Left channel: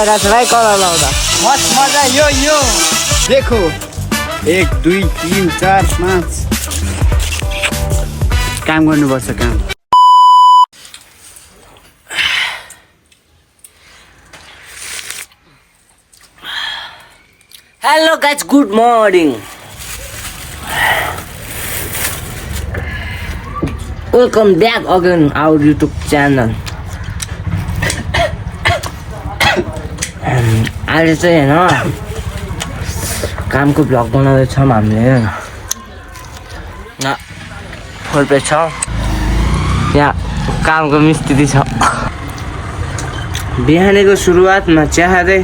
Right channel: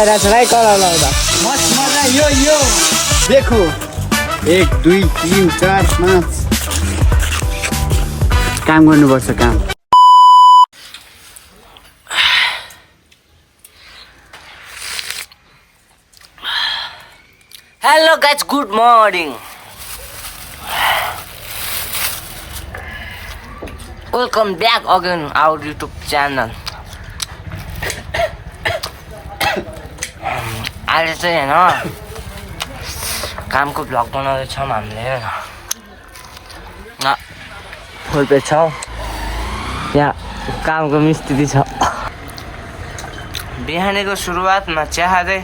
भइरहेछ भाइ कलर लाउँदा मजा यो देखो 1 2 3 4 5 काम गर्नुपर्छ काम Hello guys, good morning. Welcome back again our YouTube channel. अहिले चाहिँ हैन कामको भ्लग बनाउँदैछौँ हामीले हैन छौँ यहाँ कामको मिस्त्री छ बिहानीको सुरुवातमा चिया खाँदै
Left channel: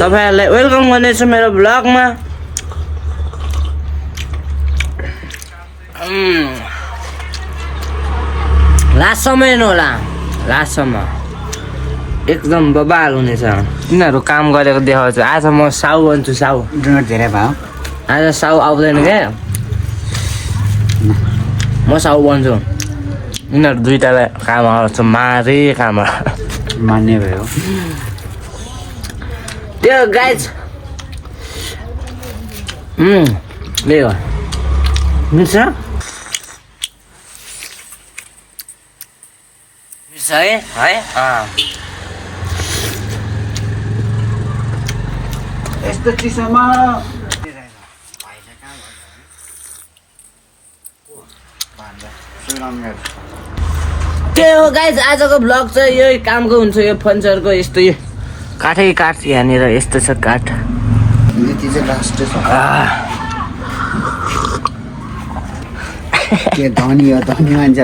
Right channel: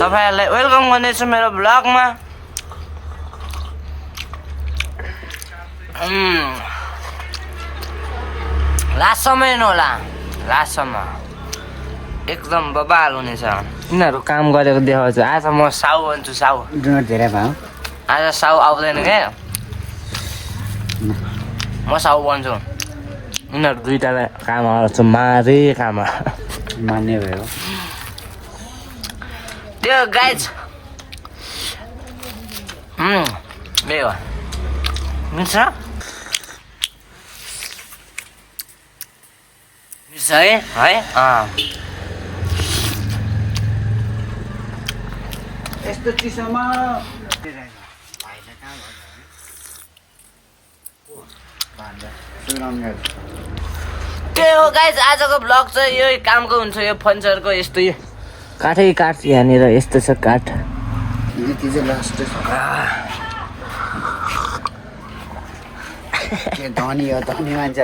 तपाईहरुलाई वेलकम गर्दैछु मेरो भ्लगमा लास्टसम्म हेर्नु होला लास्टसम्म एकदम बबाल हुनेछ तिनीहरू काम गरेको देखाउँछ आज म साउ भन्छु साउ आज साउ आउँदैन क्या म साउ भन्छु यिनीहरू दुईटालाई काम आउँछ मारे काम मान्ने भयो त्यो गाइज त्यही हो मिल्छ मिल्छ है यस्तो चिसोमा के हो गाइज आजको भ्लग चाहिँ यही कामको हुन्छ यो फर्निचरको यस्तो यो काठै काठ यहाँनिर यस्तो छ काठ धनी हो धनी मान्छे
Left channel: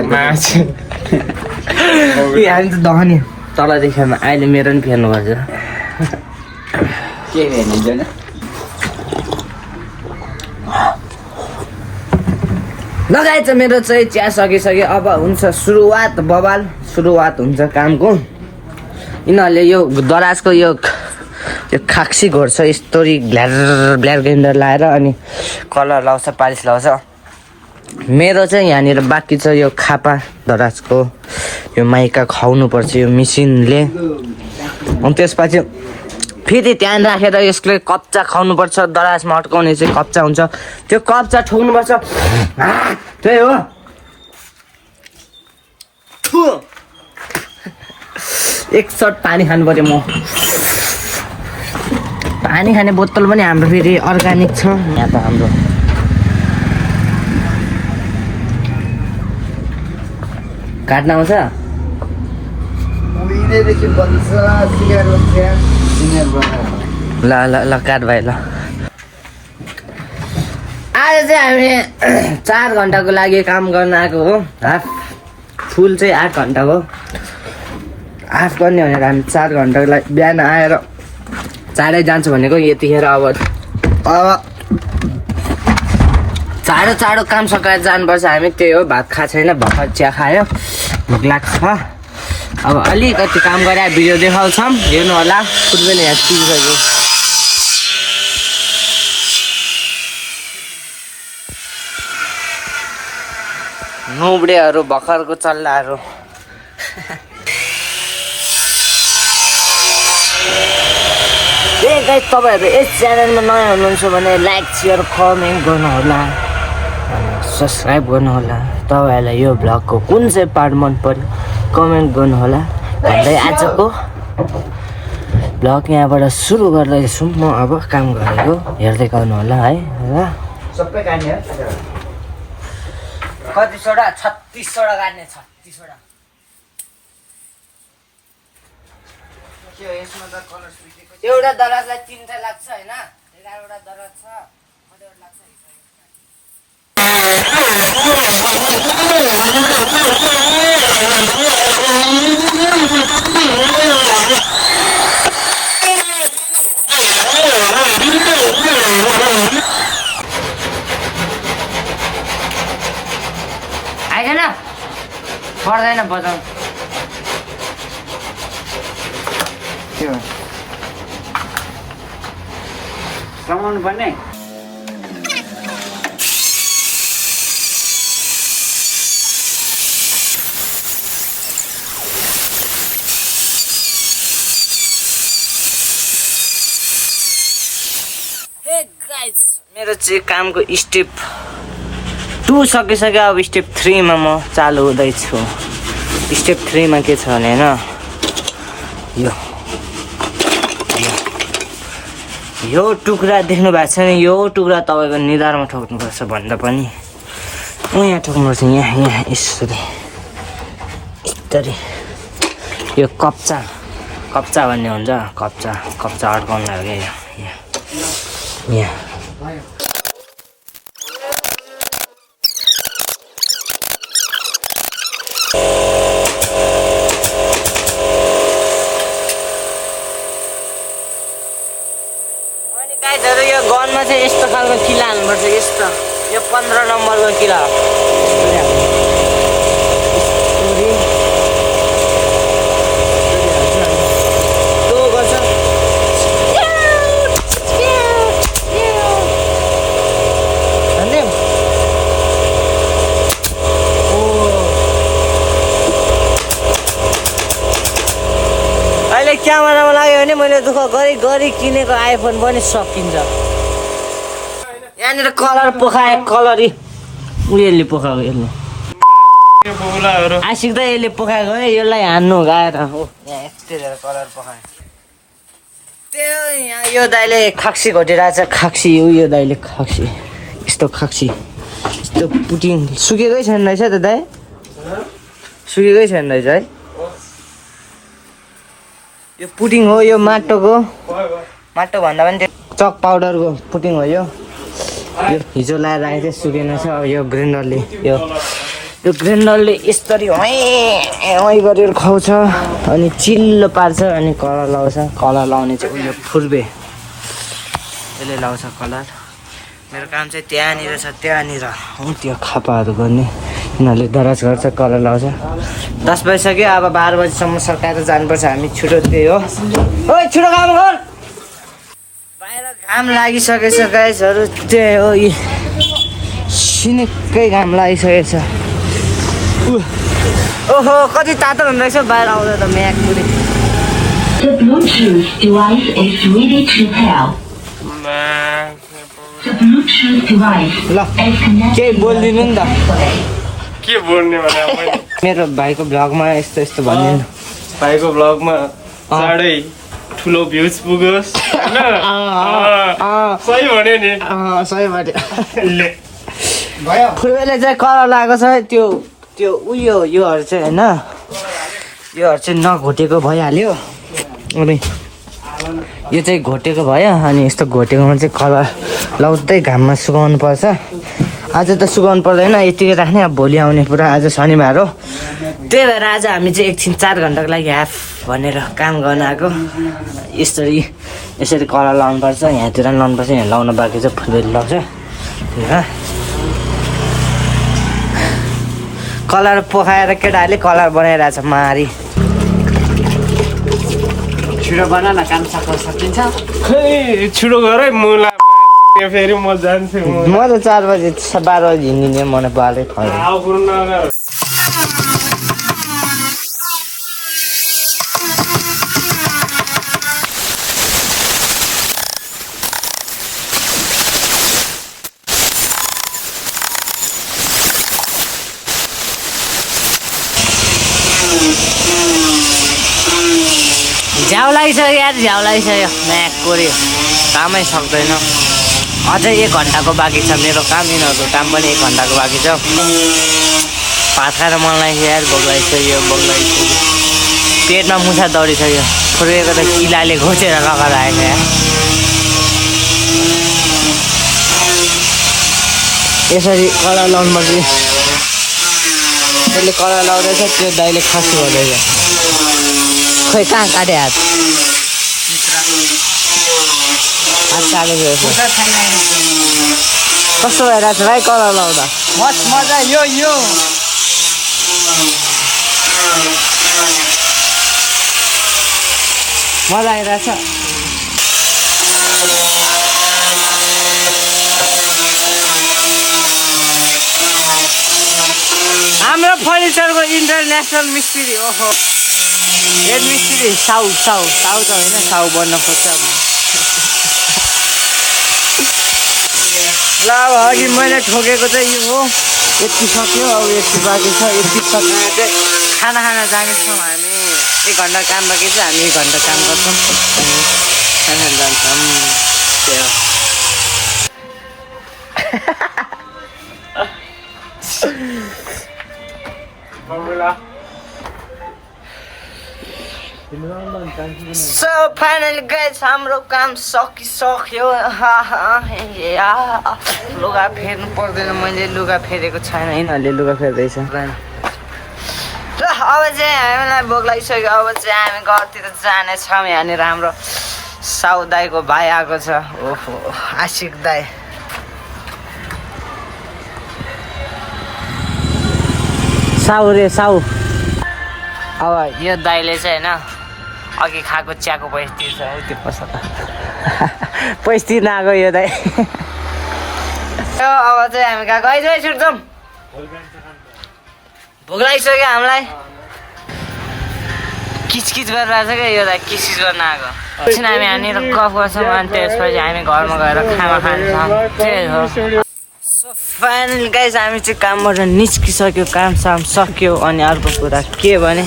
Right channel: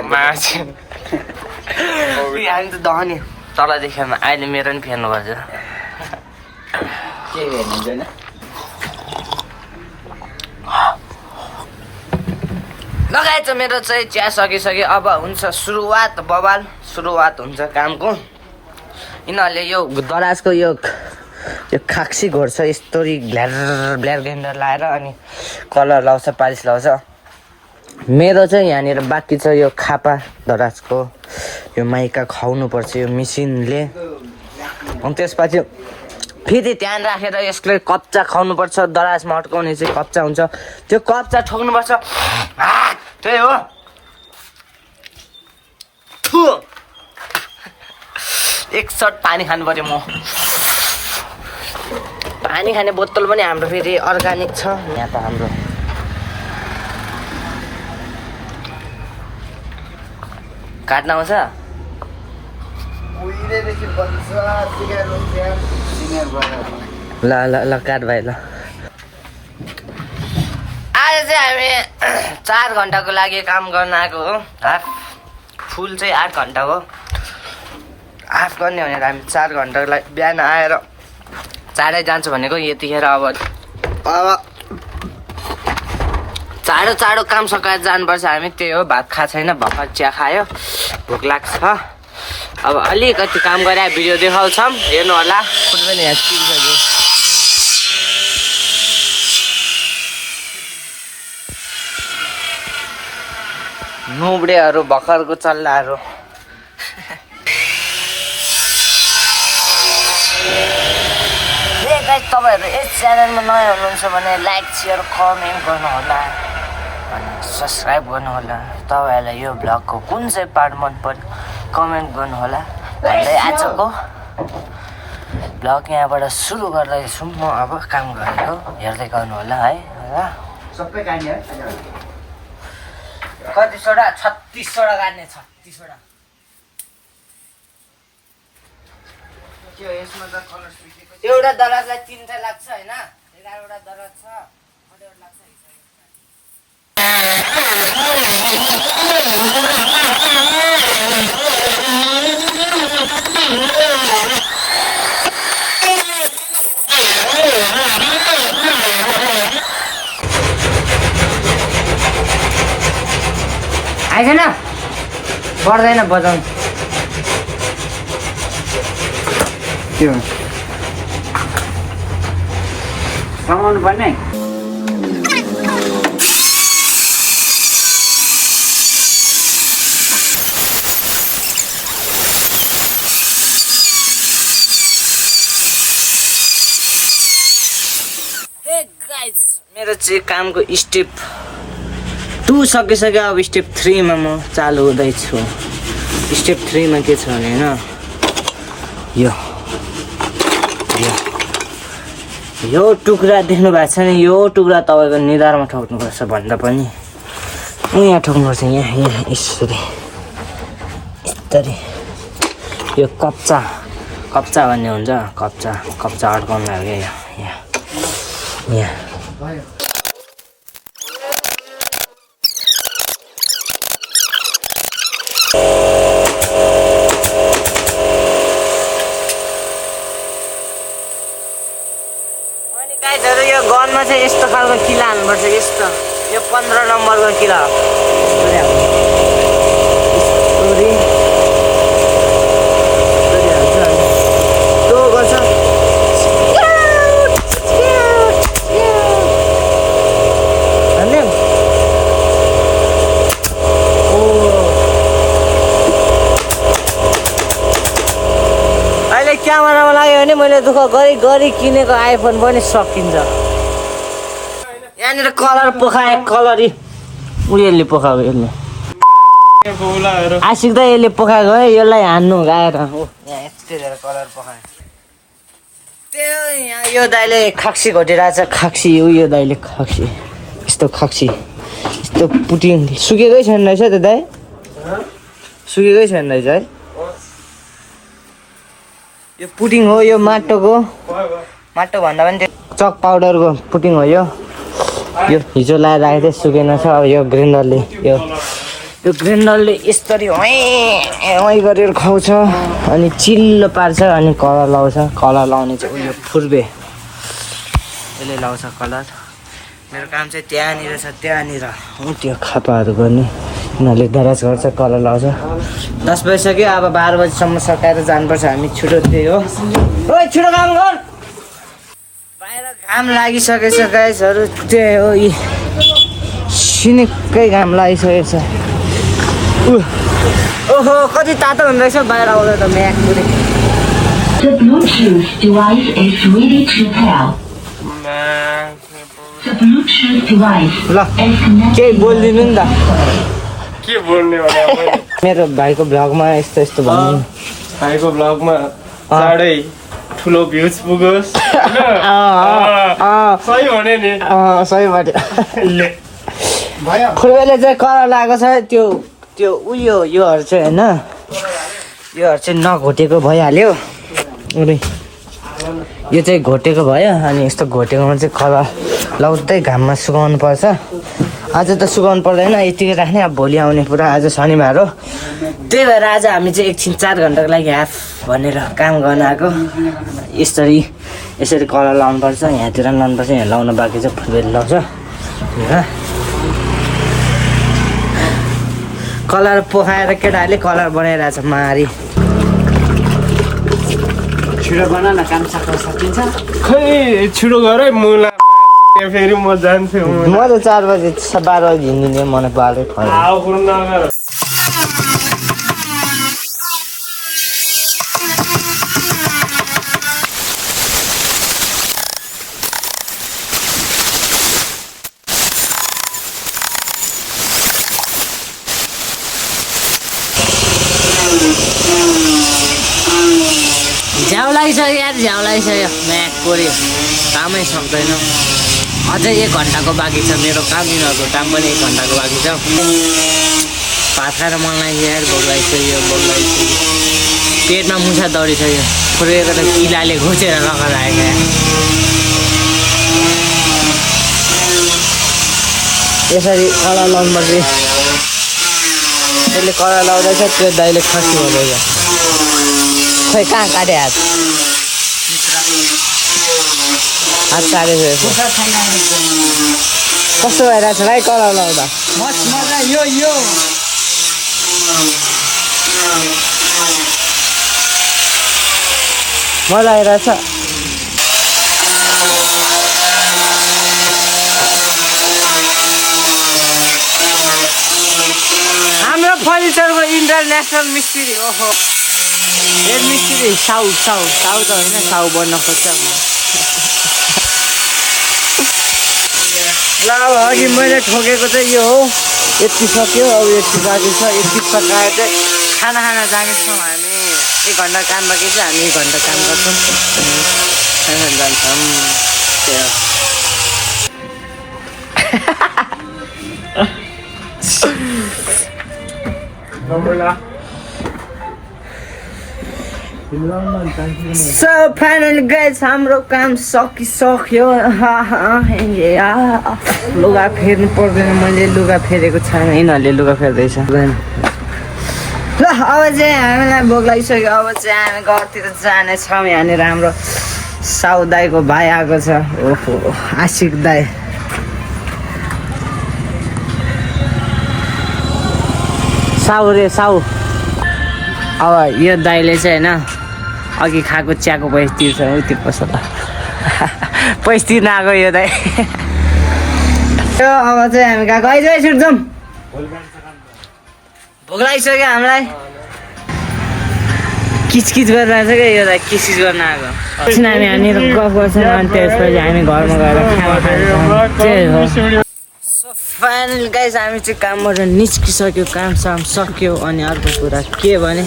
हामी त दहनी तलदेखि अहिले मेरो पनि फेर्नु पर्छ के हेर्नु लगाएछ मेरो चाहिँ चिया सकिसक्यो अब हुन्छ सुरुवात बबाल सुरुवात हुन्छ कामको यिनीहरूले यो दराजको यो खाक्सी घोर्छ यस्तोरी ब्ल्याक ग्राइन्डर लाएर अनि कलर लाउँछ पालिस लाउँछ मेरो चाहिँ यहाँनिर बाँकी छ यो खापा दराजको यो माइका खुवाउनु पर्छ यो मिसिनले अनि त्यसपछि फेरि ध्यान राखेर यसले कच्चा खुवाउनुपर्छ दराजमा अड्काउने चाहिँ कच्चा हुन्छ त्यो कच्चा ठोक्नुपर्छ त्यही हो एक सट पानी खानु पर्यो म पानी खाने बोतल पनि हाम्रो फेरि अर्ग्यानिक छ यहाँ त हाम्रो काट्न आउँछ ल ल ल काट भाइ ल आज चाहिँ हामी 4 घन्टाको लागि काम गर्न आएको हो हाफ फुल चाहिँ 8 घन्टा हो हाफ गर्ने भनेर हामी 4 घन्टाको लागि बिहान आएर चाँडै जान्छ भनेको यतिखेर अब चाँडो काम सकाएर जानुपर्छ हामी त्यही हो भात खा छैन भर्खर चिया खायो भोक लाग्छ अब अलिकति काम गरेर भिडियो देखाउँछौँ हेर्नु होला फुटबल यहाँ चिनिसक्यो नुब्रेहरू भर्खरको चल्लाहरू गाइस तपाईहरु यस च्यानलमा नयाँ हुनुहुन्छ भने लाइक शेयर कमेन्ट गर्नुहोला सब्स्क्राइब गर्नुहोला तपाईहरुलाई यो भ्लगको कुन चाहिँ पार्ट मन पर्यो कमेन्ट गर्नुहोला भन्दै आजको भ्लग यहाँबाट सुरु गर्दैछु म अब काम गरेको हेर्दै गर्नुहोला है ल सबै गाड्ने हो कतिवटा 36 वटा गाड्ने 36 वटा के यसमा त कलर एउटा दराजलाई 3 चाहिँ लाग्छ हैन 11 वटा दराज छ कतिवटा लाग्छ आइदैन पर्दैन बजाउनु त्यो समाउनु पर्ने मेरो चाहिँ कामको स्टेप 2 सकिसक्यो। अब स्टेप 3 मा म चालु हुँदैछु। स्टेप 3 मा के छ भने हैन यो टुक्रा देख्नु भएको छ नि, यो टुक्रा तपाईँको निधारमा ठोक्नुपर्छ भन्दा पनि यहाँ ठोक्नुपर्छ। यहाँ यसरी यो कप्चा भन्ने हुन्छ। कप्चा अड्काउनु लाग्यो यहाँ। अनि गाइजहरु यो गनमा चाहिँ यस्तो खालको किला हाल्नुपर्छ। यस्तो यो 15 नम्बरको किला हो। क्यामेरामा लाग्यो भने मैले दुःख गरी किनेको आइफोन पनि सकिन्छ। यहाँनिर कलर पोखाए, कलर उयोले पोखाएको। यसले आशिक त यसले पोखाएको है, यसलाई हान्नु गाएर कलर पोखायो। त्यो यहाँ यो दाइले खाक्सी घटिरहेको छ। खाक्सी यो दाइले खाक्सी यस्तो पुटिङ सुकेकै छैन रहेछ त दाइ, सुकेकै छैन रहेछ है। यो पुटिङ हो, यो माटो भन्दा पनि त्यो चक पाउडरको पुटिङ हो। यो हिजो लाएर राखेको थिएँ, सुकेन छ। अब यो ग्राइन्डरले यसरी गरेर खुवाउँछ अनि चिल्लो पार्छ अनि कलर लाउँछ। कलर लाउने चाहिँ उयो फुर्बे, यसले लाउँछ कलर। मेरो काम चाहिँ त्यहाँनिर छ, त्यहाँनिर हो त्यो खापाहरू गर्ने। यिनीहरूले दराज गर्छ, कलर लाउँछ। 10 बजिसक्यो। अब 12 बजीसम्म सकाएर जानुपर्छ हामी। छिटो त्यही हो। ओइ छिटो काम गर। बाहिर घाम लागिसकेछ गाइसहरू, त्यही हो। सिनिक्कै घाम लागिसकेछ। ओहो कति तातो हुँदो रहेछ बाहिर आउँदा त म्याक पुरै। The Bluetooth device is ready to pair. The Bluetooth device ल केही बोलिदिनु नि त। के बोल्ने भने मेरो भाइको ब्लगमा यस्तो भनिदिनु। भाइको ब्लगमा चाँडै ठुलो भ्युज पुगोस् हैन। सही भने नि। सही भन्यो। फुर्बेले चाहिँ कलर लगाएको छ त्यो योहरू चाहिँ हैन, योहरू चाहिँ नघोटेको भइहाल्यो। अनि यो चाहिँ घोटेको भयो। अनि यस्तो घोटेकोमा चाहिँ कलर लाउँदै घाममा सुकाउनु पर्छ। आज त सुकाउनु पर्दैन, यतिकै राख्ने। अब भोलि आउने पुरा। आज शनिबार हो, त्यही भएर आज हामी चाहिँ एकछिन 4 घन्टाको लागि हाफ भनेर काम गर्न आएको। यसरी कलर लाउनुपर्छ। यहाँतिर लाउनुपर्छ, यहाँ लाउनु बाँकी चाहिँ फुर्बेले लाउँछ। कलर पोखाएर केटाहरूले कलर बनाइरहेछ मारी। छिटो बना न, काम सकिन्छ। खै छिटो गर है, मुला फेरि म जान्छु। म त 4 बजी 12 बजी हिँडिदिने मन पाले। झ्याउ लागिसक्यो यार, झ्याउ लागिसक्यो। म्याक कोऱ्यो, कामै सक्दैन। अझै 1 घन्टाको बाँकी छ मेरो काम। यिनीहरूको काम पनि 1 घन्टाको बाँकी छ। भात खाएर मन लाग्यो यार, भोक लागिसक्यो। पेटमा मुसा दौडिसक्यो। फुर्केको त किलाले घोचेर लगाएर आएको यार। यसरी कलर लाउनुपर्छ। यसले कलर लाउँदैछ, त्यो दाइले खसी भन्दैछ। खै कहाँ काट्यो हात काटेको कस्तो भइरहेको छ भाइ कलर लाउँदा? मजा यो मजा आइरहेछ। हाम्रो फर्निचरको इन्टरनेसनल मिस्त्री हेड मिस्त्री साउ त होइन, साउ बन्न खोज्छ। अब अघि मैले ठोकेको चाहिँ यो हो यति सक्यो अब यति बाँकी छ यति सकाएर चाहिँ खाना जानेछौँ हामी 1 घन्टा काम बाँकी छ हामी 1 घन्टा काम गर्छौँ खाना जान्छौँ त्यो So finally guys हाम्रो काम सकिसक्यो लुगा फेर्नु पर्दैन मैले लुगा फेरेको छ यिनीहरूले लुगा फेर्दैछ ल अब चाहिँ हामीलाई भोक लागिसक्यो अब चाहिँ हामी घरतिर जानेछौँ यहाँनिर हाम्रो साउ दाईको भाइ आएको छ ओहो आशिक दाई साउ रे साउ अब यो दाइले चाहिँ होइन अघि खाएको चियाको पैसा तिर्छ त्यो पैसा त पैसा तिर्न आएको यो दाइ अब चाहिँ हामी गएको है छुट्छौँ भोक लागिसक्यो हामीलाई किचकिच गरेर आएको क्या यो दाइ किचकिच गर्न आएको एकछिन हामी यहाँनिर गफ गर्छौँ अनि त्यसपछि हामी घरमा गएर खाना खान्छौँ त्यही हो फाइनल गाइज हामी चाहिँ कामबाट निस्किसक्यो काम साम सक्यो अनि अर्को कुरा के भने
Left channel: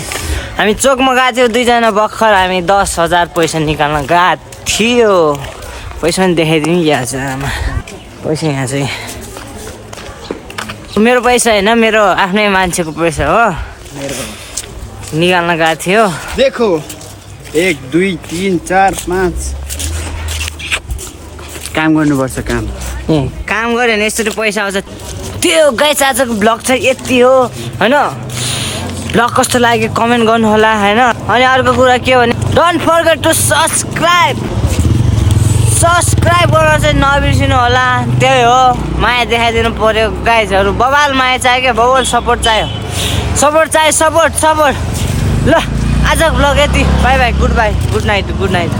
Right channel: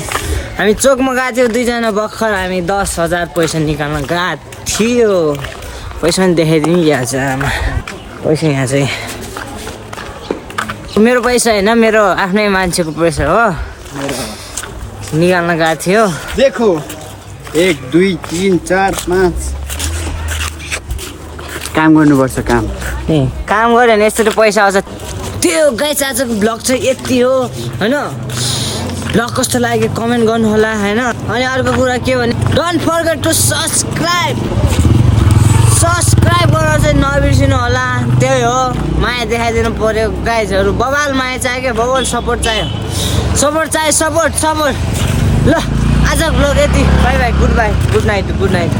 हामी चोकमा गएको थियौँ 2 जना भर्खर हामी 10,000 पैसा निकाल्न गएको थियो पैसा पनि देखाइदिउँ यहाँ चाहिँ आमा पैसा यहाँ चाहिँ मेरो पैसा होइन मेरो आफ्नै मान्छेको पैसा हो निकाल्न गएको थियो देखो 1 2 3 4 5 काम गर्नुपर्छ काम काम गऱ्यो भने यसरी पैसा आउँछ त्यो गाइस आजको ब्लग चाहिँ यति हो होइन ब्लग कस्तो लाग्यो कमेन्ट गर्नु होला होइन अनि अर्को कुरा के भने डोन्ट फर्गेट टु सब्सक्राइब गर्न चाहिँ नबिर्सिनु होला त्यही हो माया देखाइदिनु पर्यो गाइजहरू बबाल माया चाहियो क्या बबाल सपोर्ट चाहियो सपोर्ट ल आजको ब्लग यति बाई गुड नाइट